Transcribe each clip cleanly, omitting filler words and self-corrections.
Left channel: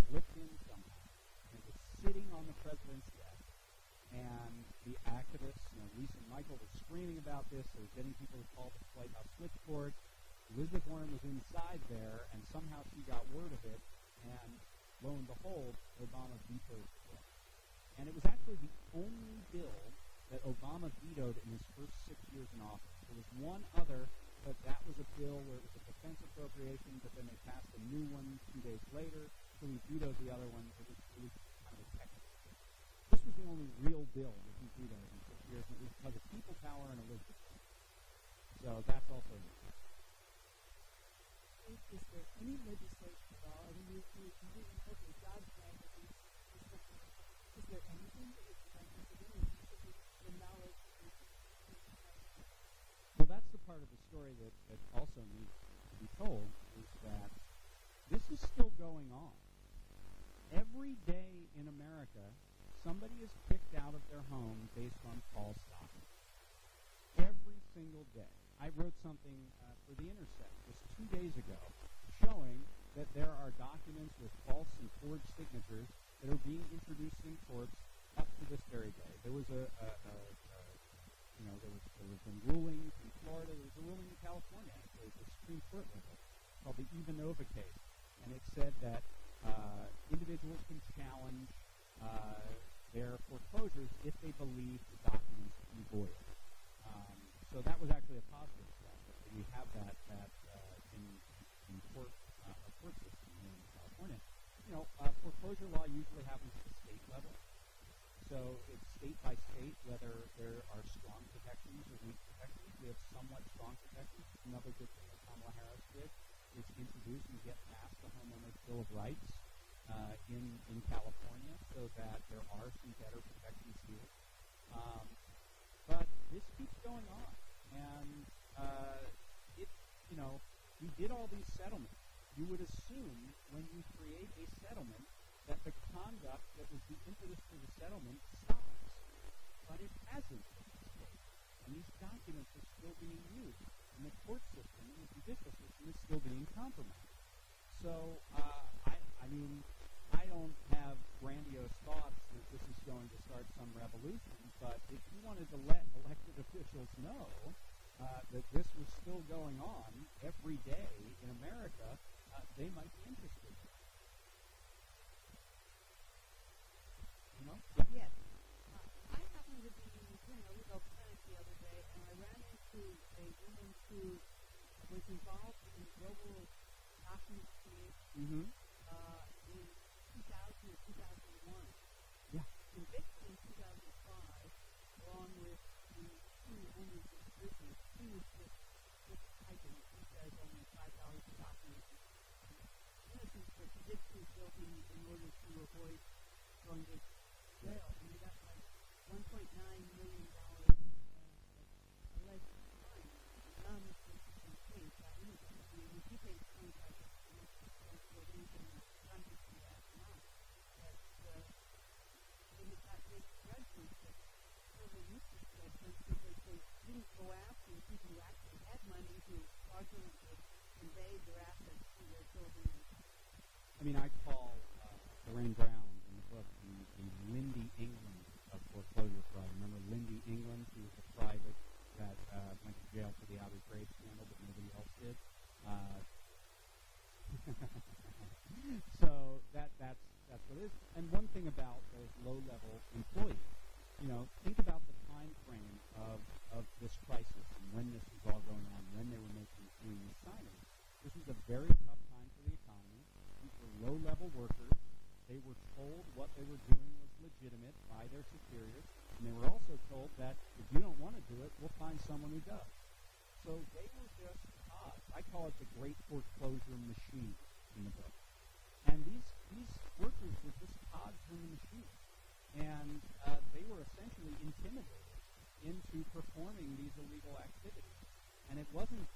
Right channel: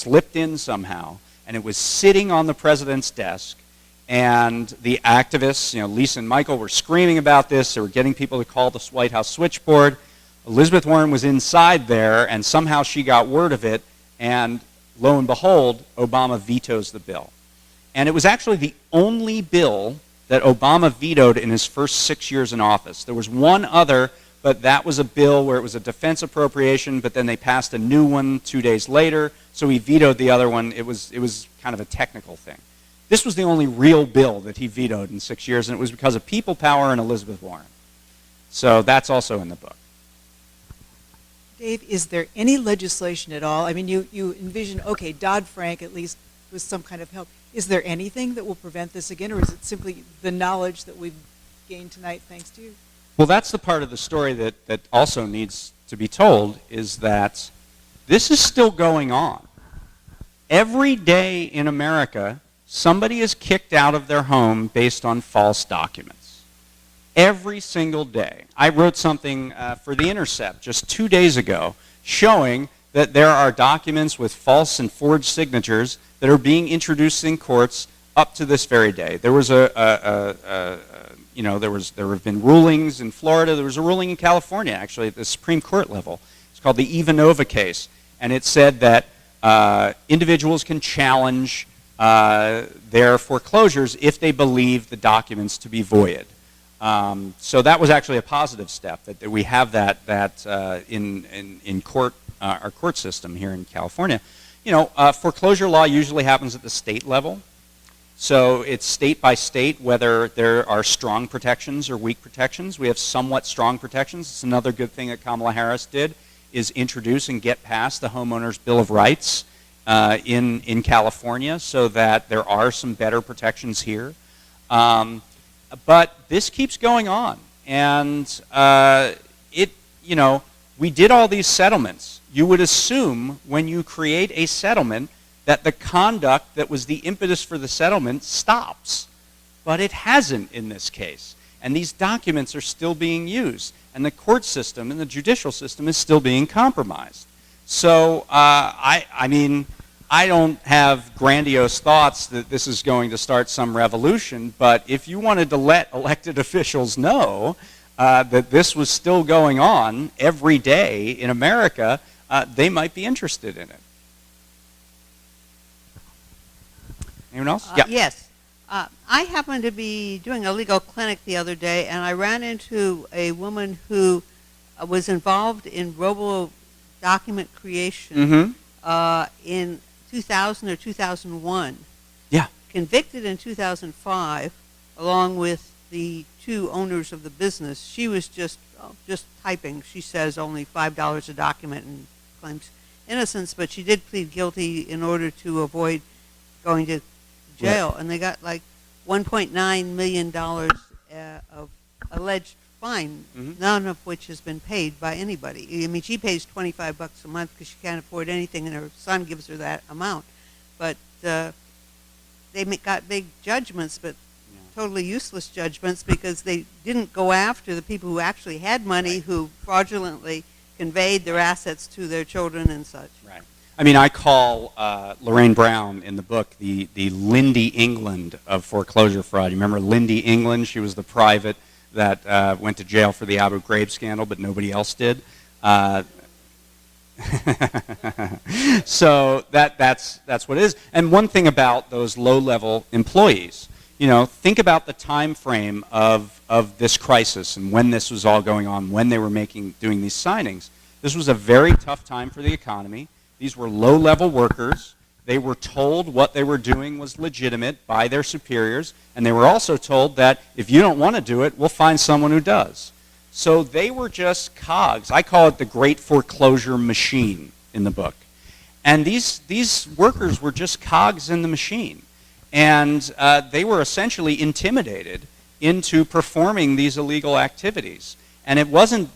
slipped in somehow, and it was sitting on the president's desk, and the activists, Lisa and Michael, were screaming about this. They were getting people to call the White House switchboard. Elizabeth Warren was inside there, and somehow she got word of it, and lo and behold, Obama vetoes the bill. And it was actually the only bill that Obama vetoed in his first 6 years in office. There was one other, but that was a bill where it was a defense appropriation, but then they passed a new one 2 days later, so he vetoed the other one. It was kind of a technical thing. This was the only real bill that he vetoed in 6 years, and it was because of people power and Elizabeth Warren. So that's also in the book. Dave, is there any legislation at all? I mean, you envision, okay, Dodd-Frank at least was some kind of help. Is there anything that will prevent this again, or is it simply the knowledge that we've gained tonight thanks to you? Well, that's the part of the story that also needs to be told, is that this is still going on. Every day in America, somebody is kicked out of their home based on false documents. Every single day. I wrote something for The Intercept just 2 days ago showing that there are documents with false and forged signatures that are being introduced in courts up to this very day. There was there have been rulings in Florida. There was a ruling in California, actually, at the Supreme Court level. It's called the Ivanova case, and it said that individuals can challenge their foreclosures if they believe the documents to be void. So that was actually a positive step, that we have that in court, our court system here in California. Foreclosure law usually happens at the state level. So it's state by state whether there are strong protections or weak protections. We have somewhat strong protections. It's another good thing that Kamala Harris did, is introduce and get past the Homeowners Bill of Rights in California, so that there are some better protections here. But this keeps going on, and we did all these settlements. You would assume when you create a settlement that the conduct that was the impetus for the settlement stops, but it hasn't in this case. And these documents are still being used, and the court system and the judicial system is still being compromised. So I don't have grandiose thoughts that this is going to start some revolution, but if you wanted to let elected officials know that this was still going on every day in America, they might be interested in it. Anyone else? Yeah. Yes. I happened to be doing a legal clinic the other day, and I ran into a woman who was involved in robo-document creation in 2000 or 2001. Yeah. Convicted in 2005, along with the two owners of the business. She was just typing. She says only $5 a document and claims innocence, but she did plead guilty in order to avoid going to jail. Right. And they got like $1.9 million of alleged fine, none of which has been paid by anybody. I mean, she pays $25 a month because she can't afford anything, and her son gives her that amount. But they got big judgments, but totally useless judgments, because they didn't go after the people who actually had money, who fraudulently conveyed their assets to their children and such. Right. I mean, I call Lorraine Brown in the book the Lindy England of foreclosure fraud. You remember Lindy England? She was the private that went to jail for the Abu Ghraib scandal, but nobody else did. So that's what it is. And one thing about those low-level employees, think about the time frame of this crisis and when this was all going on, when they were doing these signings. This was a very tough time for the economy. These were low-level workers. They were told what they were doing was legitimate by their superiors, and they were also told that if you don't want to do it, we'll find someone who does. So they were just cogs. I call it the great foreclosure machine in the book. And these workers were just cogs in the machine. And they were essentially intimidated into performing these illegal activities. And it wasn't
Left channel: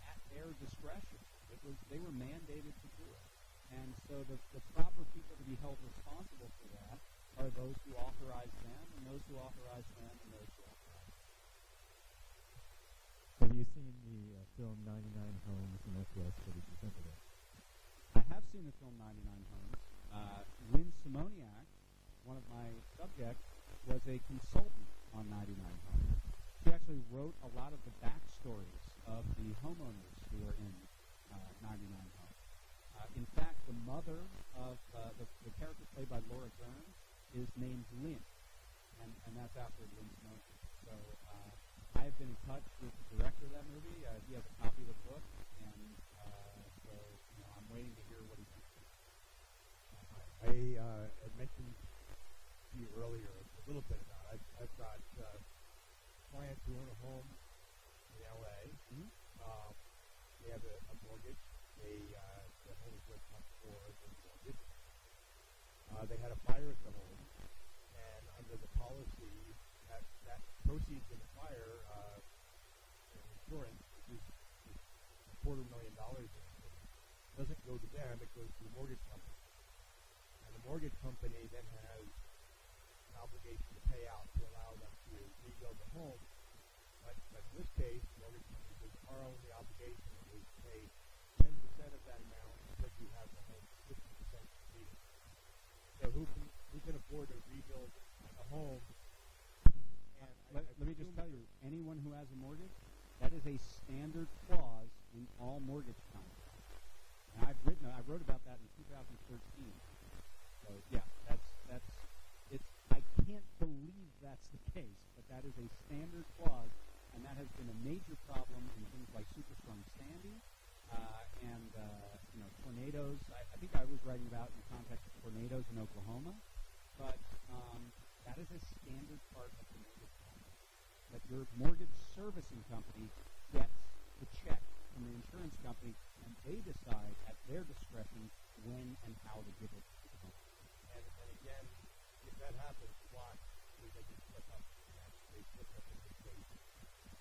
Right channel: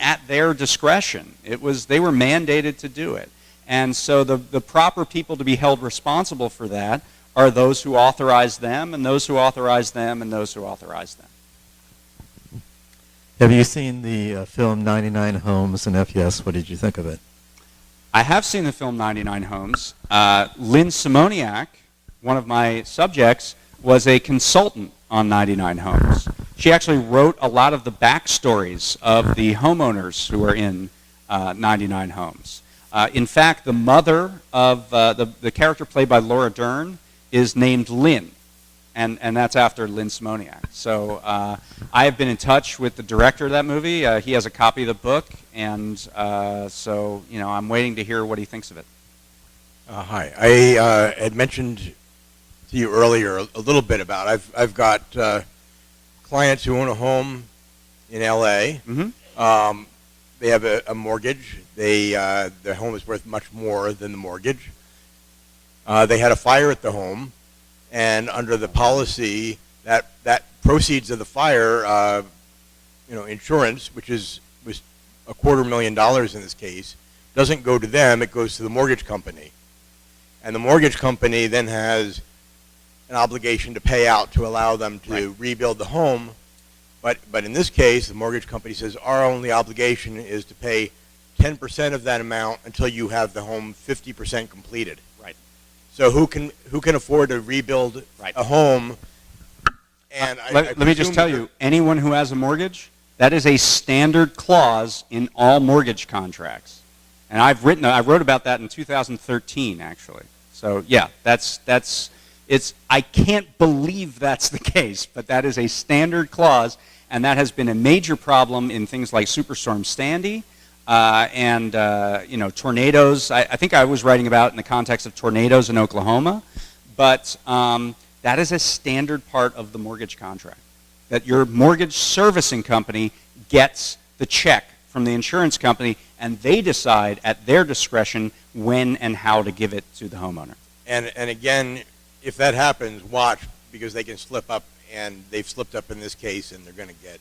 at their discretion. They were mandated to do it. And so the proper people to be held responsible for that are those who authorize them, and those who authorize them, and those who authorize them. Have you seen the film 99 Homes, and if yes, what did you think of it? I have seen the film 99 Homes. Lynn Simoniak, one of my subjects, was a consultant on 99 Homes. She actually wrote a lot of the backstories of the homeowners who are in 99 Homes. In fact, the mother of the character played by Laura Dern is named Lynn, and that's after Lynn Simoniak. So I have been in touch with the director of that movie. He has a copy of the book, and so I'm waiting to hear what he thinks of it. Hi. I had mentioned to you earlier a little bit about I've got clients who own a home in L.A. Mm-hmm. They have a mortgage. Their home is worth much more than the mortgage. They had a fire at the home, and under the policy, that proceeds of the fire, insurance, which was $250,000 in this case, doesn't go to them. It goes to the mortgage company, and the mortgage company then has an obligation to pay out to allow them to rebuild the home. But in this case, the mortgage company says our only obligation is to pay 10% of that amount until you have the home 50% completed. Right. So who can afford to rebuild a home? And let me just tell you, anyone who has a mortgage, that is a standard clause in all mortgage contracts. And I wrote about that in 2013, actually. So yeah, I can't believe that's the case, but that is a standard clause, and that has been a major problem in things like Superstorm Sandy and tornadoes. I think I was writing about in the context of tornadoes in Oklahoma, but that is a standard part of the mortgage contract, that your mortgage servicing company gets the check from the insurance company, and they decide at their discretion when and how to give it to the homeowner. And again, if that happens, watch, because they can slip up, and they've slipped up in this case, and they're going to get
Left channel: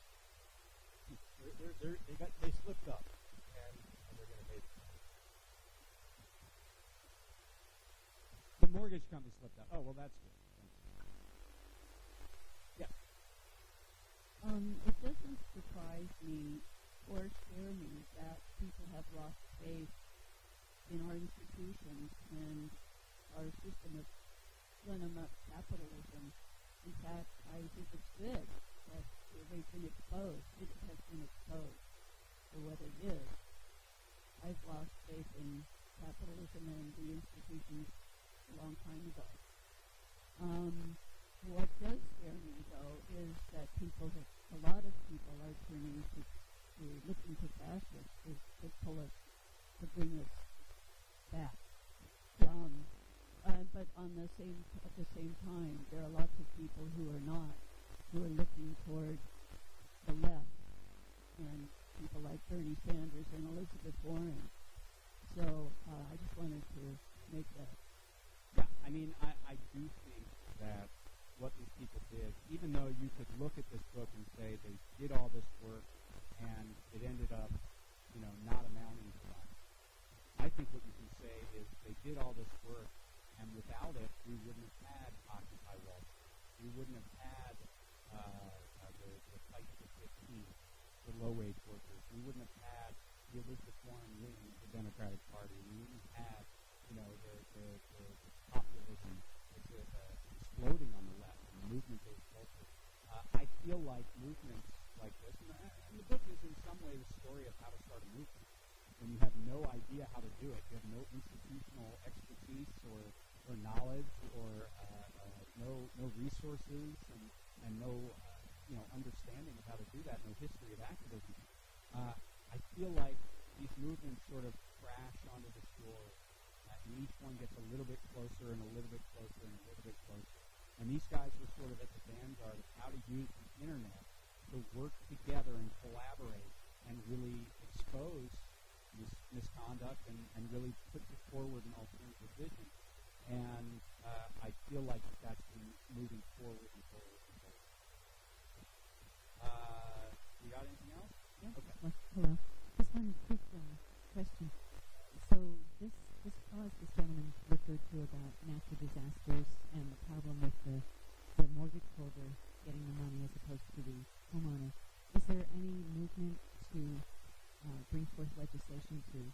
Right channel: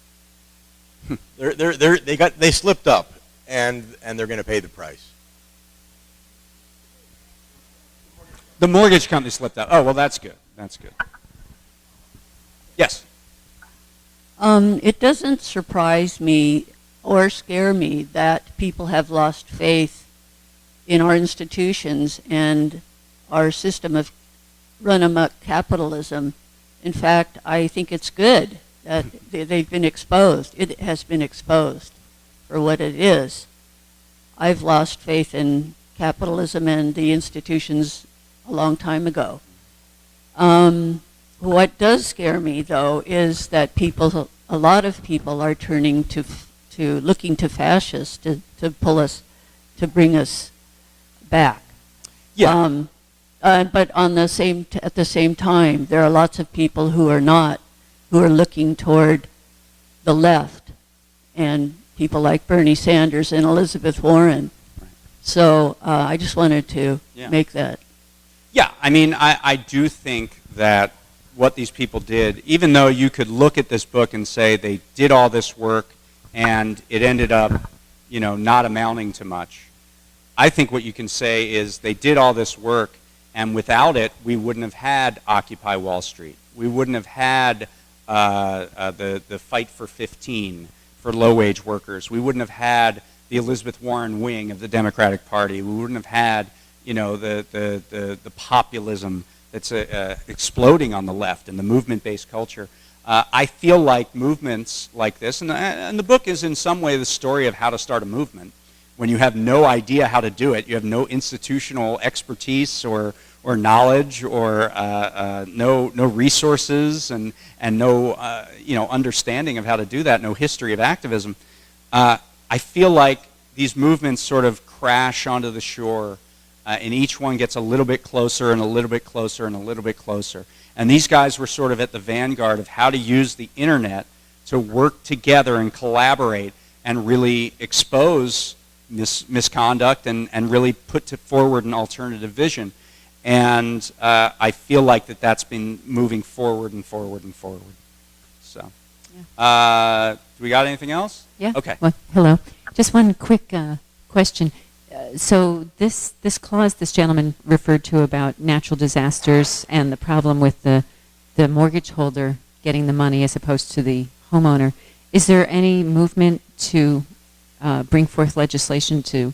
they slipped up, and they're going to pay the price. The mortgage company slipped up. Oh, well, that's good. That's good. Yes. It doesn't surprise me or scare me that people have lost faith in our institutions and our system of run-amok capitalism. In fact, I think it's good that they've been exposed. It has been exposed for what it is. I've lost faith in capitalism and the institutions a long time ago. What does scare me, though, is that a lot of people are turning to looking to fascists to pull us, to bring us back. Yeah. But at the same time, there are lots of people who are looking toward the left, and people like Bernie Sanders and Elizabeth Warren. Right. So I just wanted to make that. Yeah, I mean, I do think that what these people did, even though you could look at this book and say they did all this work and it ended up, not amounting to much, I think what you can say is they did all this work, and without it, we wouldn't have had Occupy Wall Street. We wouldn't have had the Fight for 15 for low-wage workers. We wouldn't have had the Elizabeth Warren wing of the Democratic Party. We wouldn't have had, the populism that's exploding on the left and the movement-based culture. I feel like movements like this, and the book is in some way the story of how to start a movement. When you have no idea how to do it, you have no institutional expertise or knowledge or no resources and no understanding of how to do that, no history of activism. I feel like these movements sort of crash onto the shore, and each one gets a little bit closer and a little bit closer and a little bit closer. And these guys were sort of at the vanguard of how to use the internet to work together and collaborate and really expose misconduct and really put forward an alternative vision. And I feel like that's been moving forward and forward and forward. So, do we got anything else? Yeah. Okay. Well, hello. Just one quick question. So this clause this gentleman referred to about natural disasters and the problem with the mortgage holder getting the money as opposed to the homeowner. Is there any movement to bring forth legislation to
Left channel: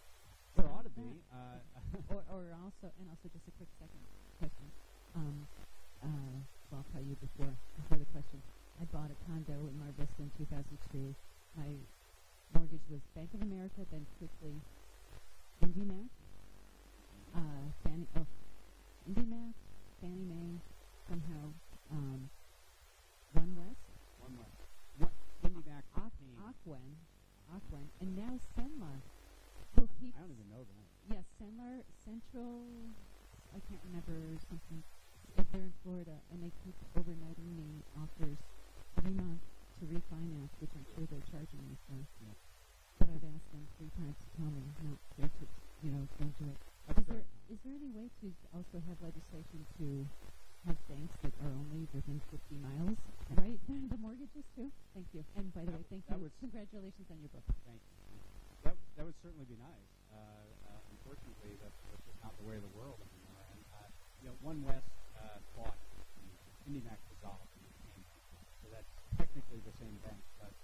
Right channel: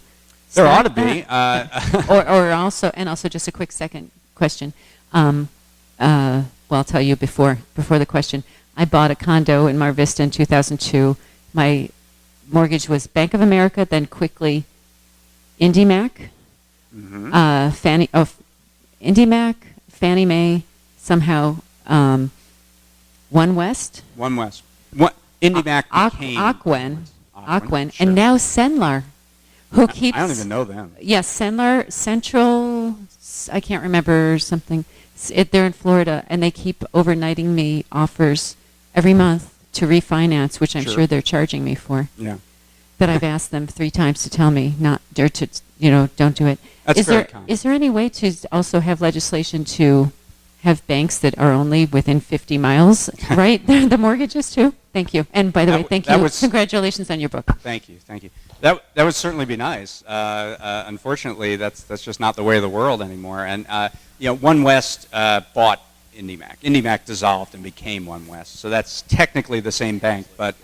There Stop ought to be. that. Or also just a quick second question. Well, I'll tell you before the question. I bought a condo in Mar Vista in 2002. My mortgage was Bank of America, then quickly IndyMac, IndyMac, Fannie Mae, somehow One West, IndyMac became Aquen, sure. and now Senlar, who keeps. I don't even know them. Yes, Senlar Central. I can't remember something. They're in Florida, and they keep overnighting me offers every month to refinance, which I'm sure they're charging me for. Yeah. But I've asked them 3 times to tell me not don't do it. That's very common. Is there any way to also have legislation to have banks that are only within 50 miles, right? The mortgages too? Thank you. And by the way, thank you. Congratulations on your book. Thank you. That would certainly be nice. Unfortunately, that's just not the way of the world anymore. And One West bought IndyMac. IndyMac dissolved and became One West. So that's technically the same bank. But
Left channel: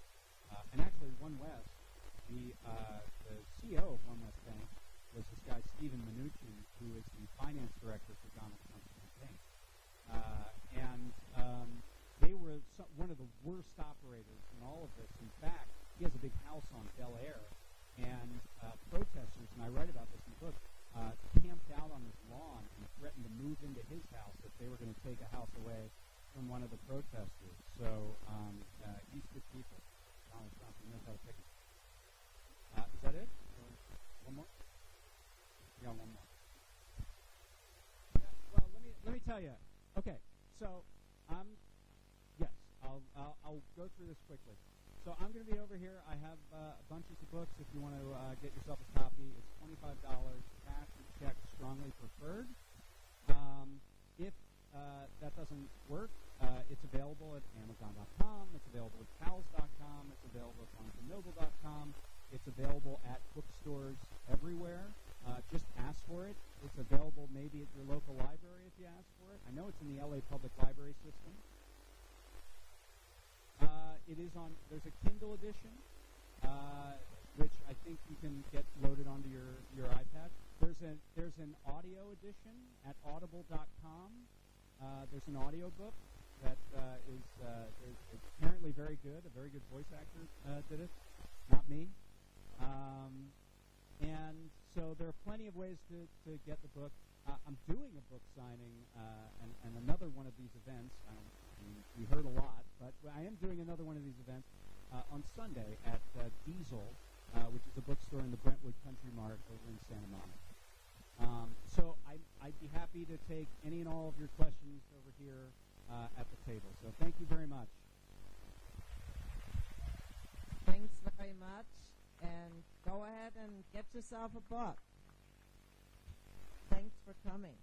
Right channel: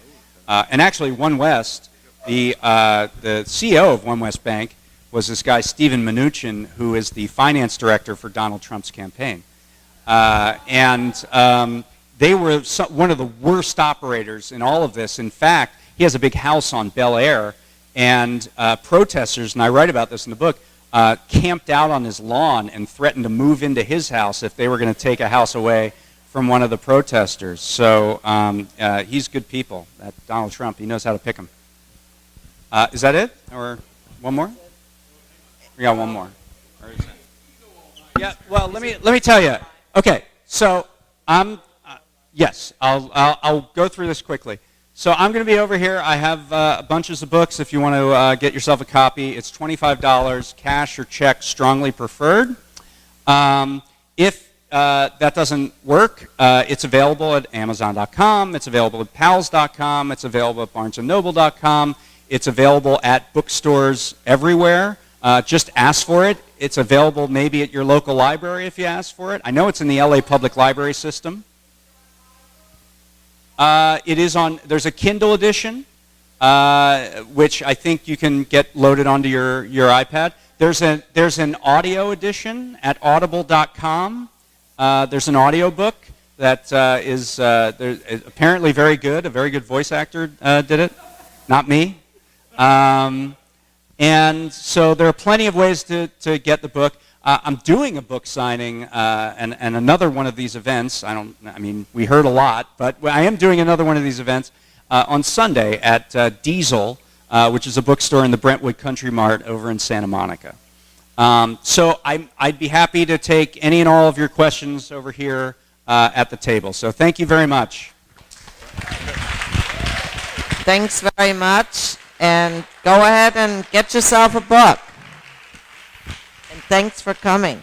and actually, One West, the CEO of One West Bank was this guy Steven Mnuchin, who is the finance director for Donald Trump's campaign. They were one of the worst operators in all of this. In fact, he has a big house on Bel Air, and protesters, and I write about this in the book, camped out on his lawn and threatened to move into his house if they were going to take a house away from one of the protesters. So he's good people. That Donald Trump, he knows how to pick them. Is that it? Or one more? We got one more. Yeah, well, let me tell you. Okay, so yes, I'll go through this quickly. So I'm going to be over here. I have bunches of books. If you want to get yourself a copy, it's $25, cash or check, strongly preferred. If that doesn't work, it's available at Amazon.com. It's available at Pals.com. It's available at BarnesandNoble.com. It's available at bookstores everywhere. Just ask for it. It's available maybe at your local library if you ask for it. I know it's in the LA Public Library system. It is on, there's a Kindle edition, which I think you can get loaded onto your iPad. There's an audio edition at audible.com. There's an audio book that is apparently very good. A very good voice actor did it, not me. And so there are plenty of ways to get the book. I'm doing a book signing and another one of these events. We heard a lot, but I am doing another one of these events on Sunday at Diesel, which is a bookstore in the Brentwood Country Mart over in Santa Monica. So I'd be happy to take any and all of your questions over here at the table. So thank you very much. Thanks very much. And go ahead and get yourself a book. And thanks for coming.